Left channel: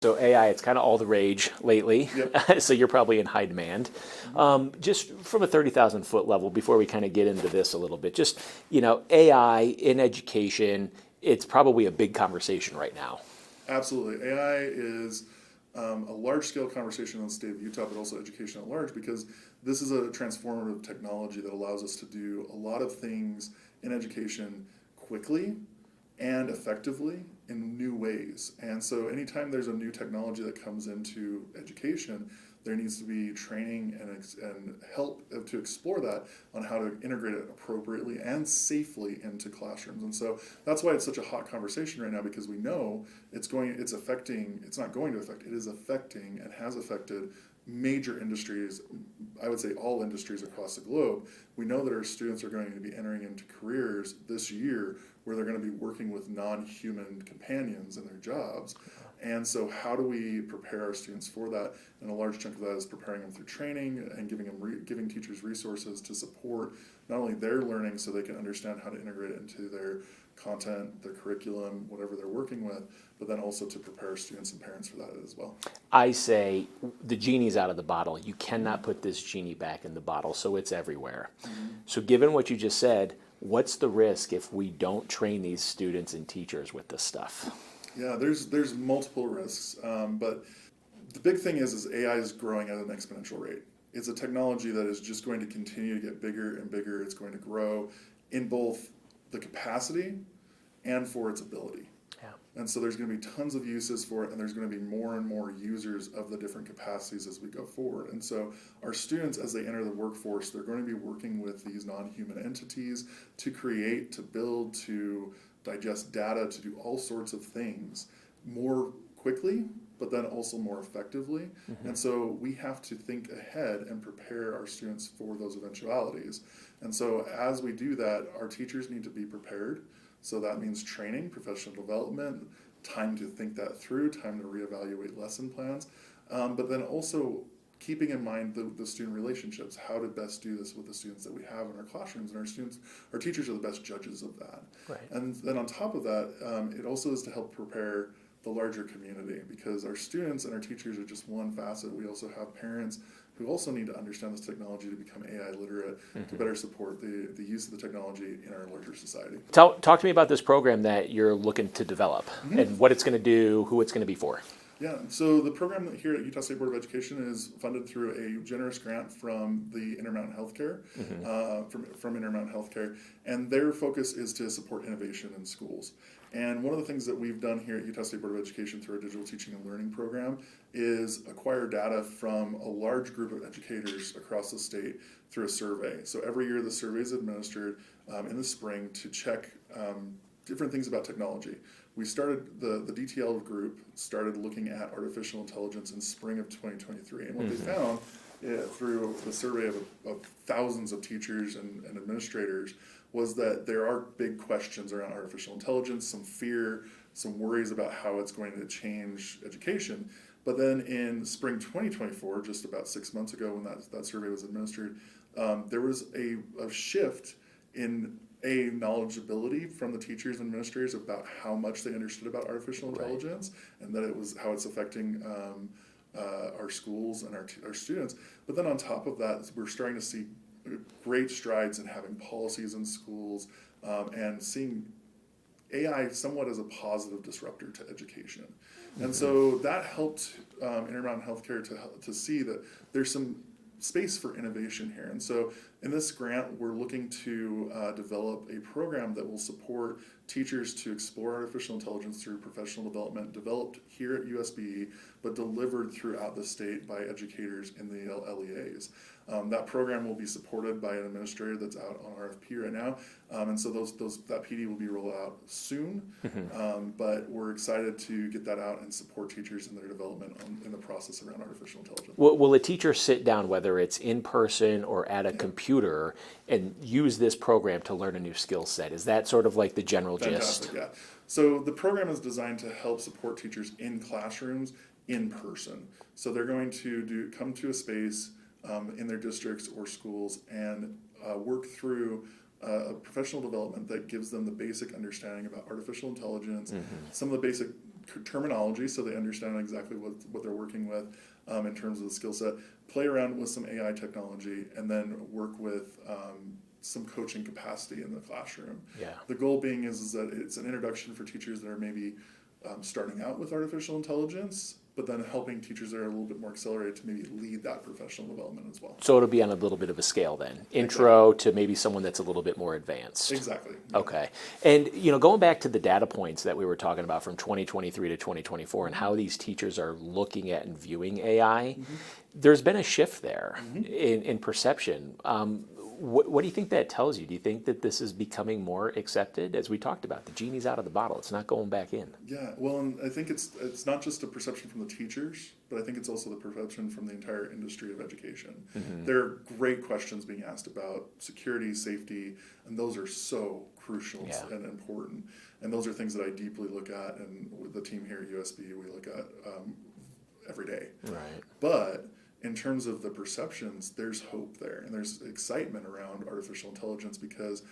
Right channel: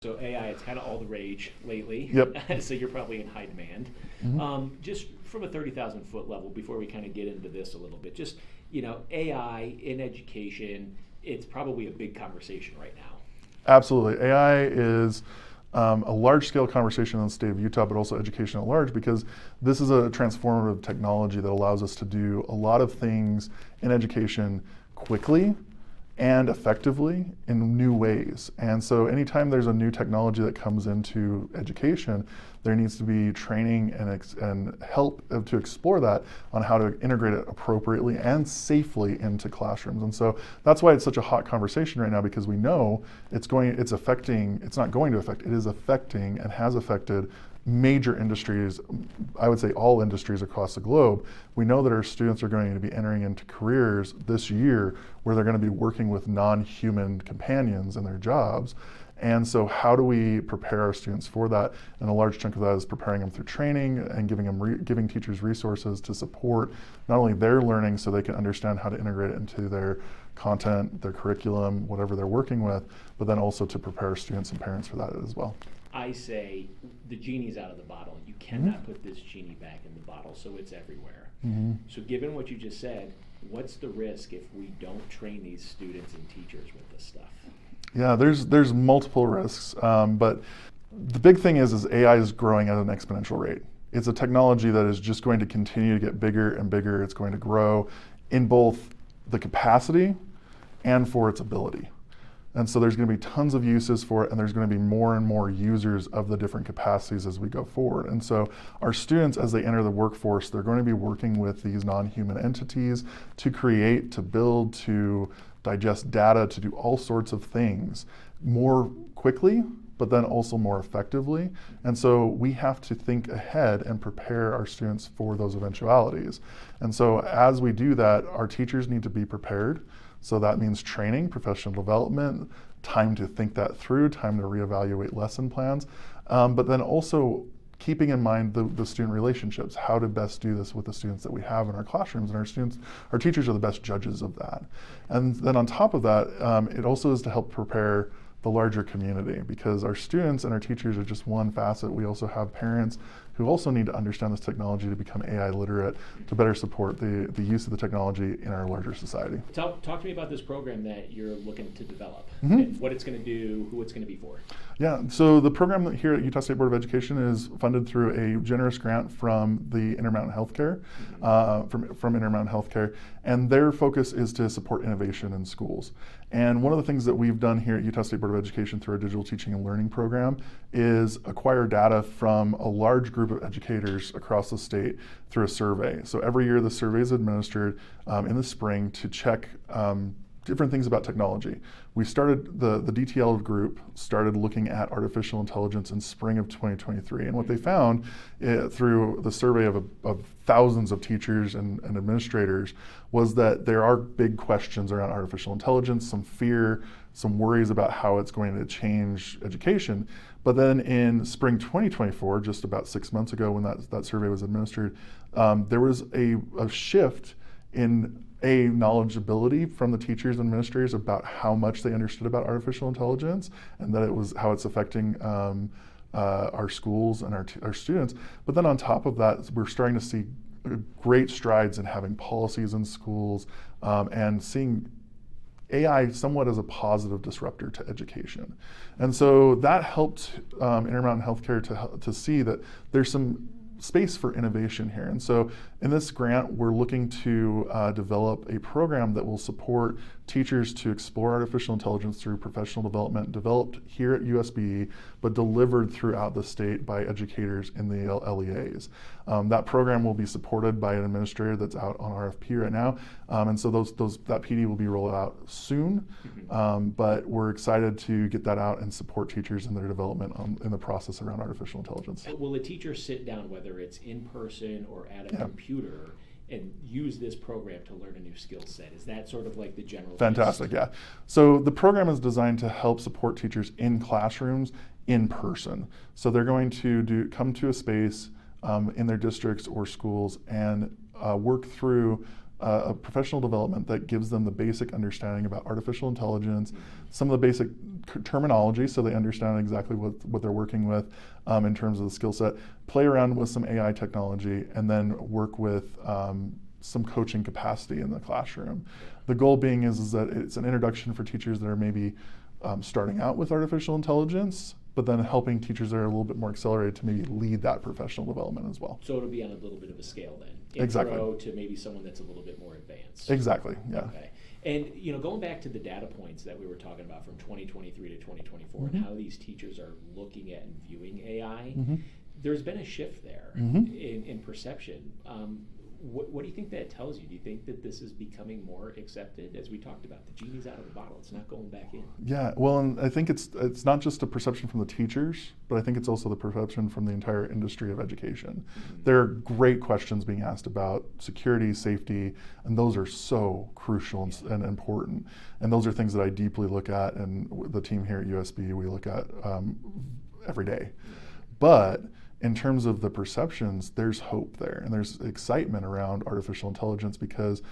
So AI, it's kind of all the rage lately. Yep. So you're probably in high demand. Just from a 30,000 foot level, before we kind of get into this a little bit, just, AI in education, it's probably a big conversation right now. Absolutely. AI is a large-scale conversation in the state of Utah, but also education at large, because this is a transformative technology that allows us to do a lot of things in education quickly and effectively in new ways. And so anytime there's a new technology that comes into education, there needs to be training and help to explore that on how to integrate it appropriately and safely into classrooms. And so that's why it's such a hot conversation right now, because we know it is affecting and has affected major industries, I would say all industries across the globe. We know that our students are going to be entering into careers this year where they're going to be working with non-human companions in their jobs. And so how do we prepare our students for that? And a large chunk of that is preparing them through training and giving teachers resources to support not only their learning so they can understand how to integrate it into their content, their curriculum, whatever they're working with, but then also to prepare students and parents for that as well. I say the genie's out of the bottle. You cannot put this genie back in the bottle, so it's everywhere. So given what you just said, what's the risk if we don't train these students and teachers with this stuff? Yeah, there's multiple risks, but the big thing is AI is growing at an exponential rate. It's a technology that is just going to continue to get bigger and bigger. It's going to grow in both the capacity and for its ability. And so there's going to be tons of uses for it, and there's going to be more and more users of the different capacities as we go forward. And so our students, as they enter the workforce, they're going to be working with these non-human entities to create, to build, to digest data, to do all sorts of things more quickly, but then also more effectively. And so we have to think ahead and prepare our students for those eventualities. And so as we do that, our teachers need to be prepared. So that means training, professional development, time to think that through, time to reevaluate lesson plans, but then also keeping in mind the student relationships, how to best do this with the students that we have in our classrooms. And our teachers are the best judges of that. Right. And then on top of that, it also is to help prepare the larger community, because our students and our teachers are just one facet. We also have parents who also need to understand this technology to become AI literate, to better support the use of the technology in our larger society. Talk to me about this program that you're looking to develop and what it's going to do, who it's going to be for. Yeah, so the program here at Utah State Board of Education is funded through a generous grant from the Intermountain Healthcare, from Intermountain Healthcare, and their focus is to support innovation in schools. And one of the things that we've done here at Utah State Board of Education through our digital teaching and learning program is acquire data from a large group of educators across the state through a survey. So every year the survey is administered in the spring to check different things about technology. We started, the DTL group started looking at artificial intelligence in spring of 2023. And what they found through the survey of thousands of teachers and administrators was that there are big questions around artificial intelligence, some fear, some worries about how it's going to change education. But then in spring 2024, just about 6 months ago when that survey was administered, there was a shift in knowledgeability from the teachers and administrators about how much they understood about artificial intelligence, and that it was how it's affecting our schools and our students. But then on top of that, we're starting to see great strides in having policies in schools and seeing AI somewhat as a positive disruptor to education. And so that helped Intermountain Healthcare to see that there's some space for innovation here. And so in this grant, we're looking to develop a program that will support teachers to explore artificial intelligence through professional development developed here at USBE, but delivered throughout the state by educators in the LEAs. That program will be supported by an administrator that's out on RFP right now. And so that PD will be rolled out soon, but we're excited to get that out and support teachers in their development in the process around artificial intelligence. Will a teacher sit down, whether it's in person or at a computer, and use this program to learn a new skill set? Is that sort of like the general gist? Fantastic, yeah. So the program is designed to help support teachers in classrooms in person. So they're going to come to a space in their districts or schools and work through a professional development that gives them the basic understanding about artificial intelligence, some of the basic terminology so they understand exactly what they're working with in terms of the skill set, play around with some AI technology, and then work with some coaching capacity in the classroom. Yeah. The goal being is that it's an introduction for teachers that are maybe starting out with artificial intelligence, but then helping teachers that are a little bit more accelerated to maybe lead that professional development as well. So it'll be on a little bit of a scale then. Intro to maybe someone that's a little bit more advanced. Exactly. Yeah. Okay. And going back to the data points that we were talking about from 2023 to 2024 and how these teachers are looking at and viewing AI, there's been a shift there in perception. What do you think that tells you? Do you think that this is becoming more accepted? As we talked about, the genie's out of the bottle. It's not going back in. Yeah, well, and I think it's not just a perception from the teachers, but I think it's also the perception from the entire industry of education. There are great questions being asked about security, safety, and those are so crucial and important. And those are things that I deeply look at, and the team here at USB, we look at every day. Right. But in terms of the perceptions, there's hope there, and there's excitement around artificial intelligence because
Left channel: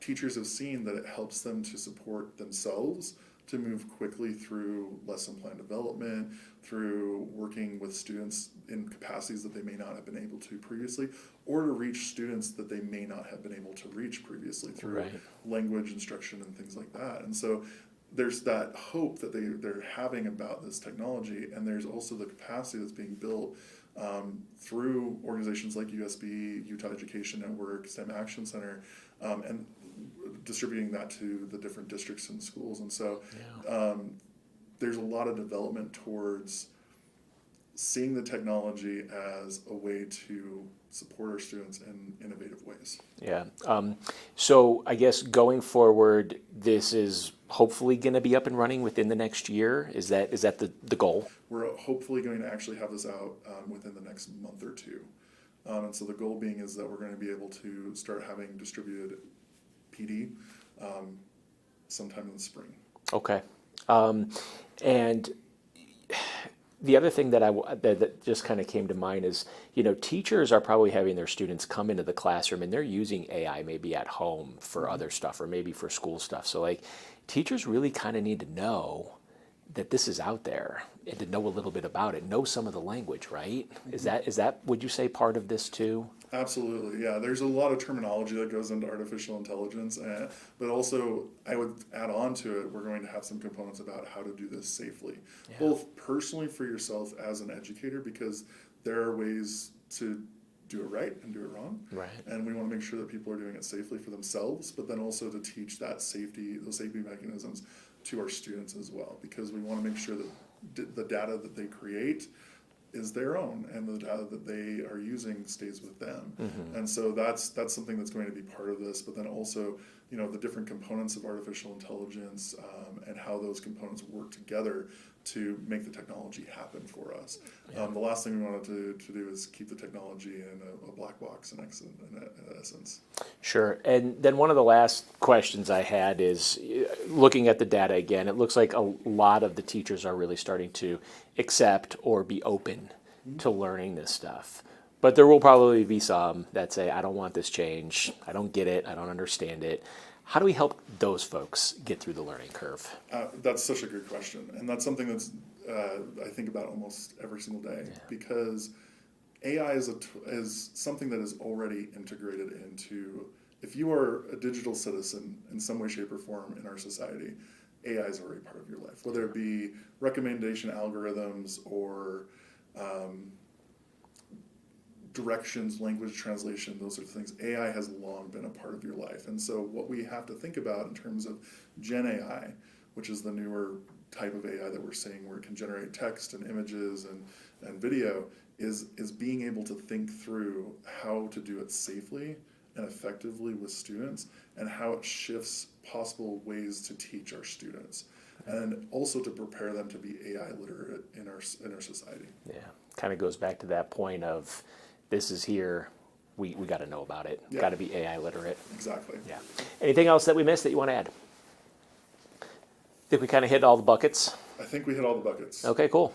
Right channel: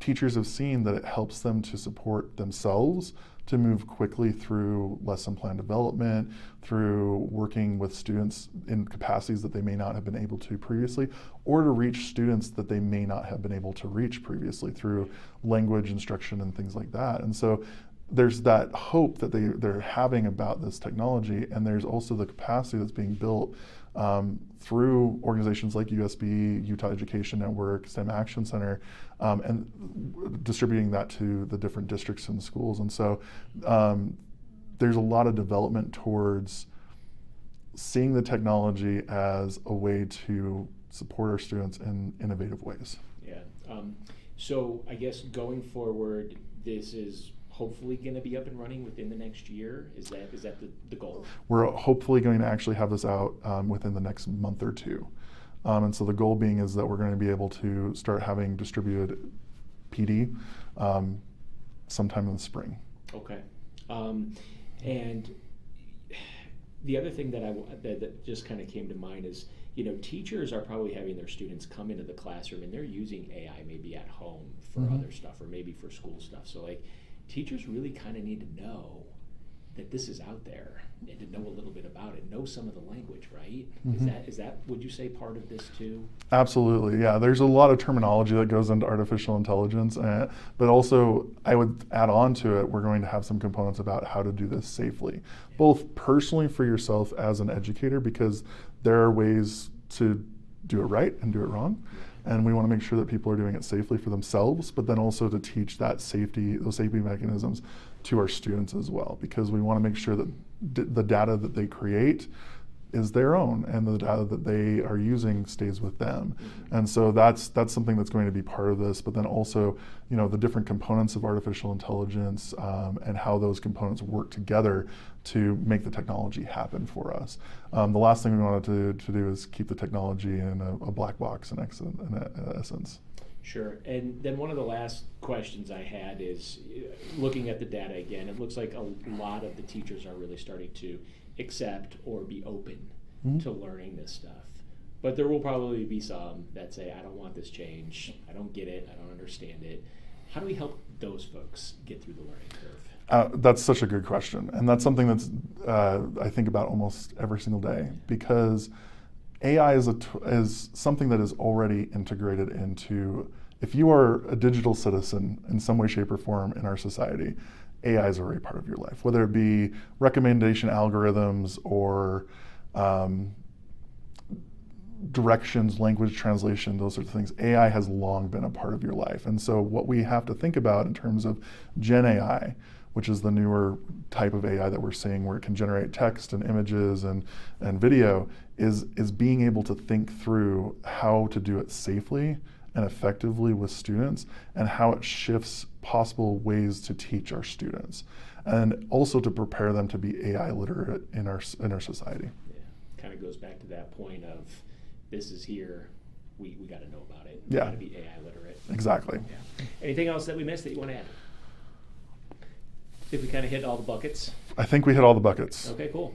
teachers have seen that it helps them to support themselves to move quickly through lesson plan development, through working with students in capacities that they may not have been able to previously, or to reach students that they may not have been able to reach previously through language instruction and things like that. And so there's that hope that they're having about this technology, and there's also the capacity that's being built through organizations like USB, Utah Education Network, STEM Action Center, and distributing that to the different districts and schools. And so there's a lot of development towards seeing the technology as a way to support our students in innovative ways. Yeah. So I guess going forward, this is hopefully going to be up and running within the next year. Is that the goal? We're hopefully going to actually have this out within the next month or two. And so the goal being is that we're going to be able to start having distributed PD sometime in the spring. Okay. And the other thing that just kind of came to mind is, teachers are probably having their students come into the classroom and they're using AI maybe at home for other stuff or maybe for school stuff. So teachers really kind of need to know that this is out there and to know a little bit about it, know some of the language, right? Is that would you say part of this too? Absolutely, yeah. There's a lot of terminology that goes into artificial intelligence, but also I would add on to it, we're going to have some components about how to do this safely, both personally for yourself as an educator, because there are ways to do it right and do it wrong. Right. And we want to make sure that people are doing it safely for themselves, but then also to teach those safety mechanisms to our students as well, because we want to make sure that the data that they create is their own and the data that they are using stays with them. And so that's something that's going to be part of this, but then also the different components of artificial intelligence and how those components work together to make the technology happen for us. The last thing we wanted to do is keep the technology in a black box in essence. Sure. And then one of the last questions I had is, looking at the data again, it looks like a lot of the teachers are really starting to accept or be open to learning this stuff. But there will probably be some that say, I don't want this change, I don't get it, I don't understand it. How do we help those folks get through the learning curve? That's such a good question. And that's something that's I think about almost every single day, because AI is something that is already integrated into, if you are a digital citizen in some way, shape, or form in our society, AI is already part of your life, whether it be recommendation algorithms or directions, language translation, those sorts of things. AI has long been a part of your life. And so what we have to think about in terms of Gen AI, which is the newer type of AI that we're seeing where it can generate text and images and video, is being able to think through how to do it safely and effectively with students, and how it shifts possible ways to teach our students, and also to prepare them to be AI literate in our society. Yeah, kind of goes back to that point of, this is here, we got to know about it. Yeah. Got to be AI literate. Exactly. Yeah. Anything else that we missed that you want to add? I think we kind of hit all the buckets. I think we hit all the buckets. Okay, cool.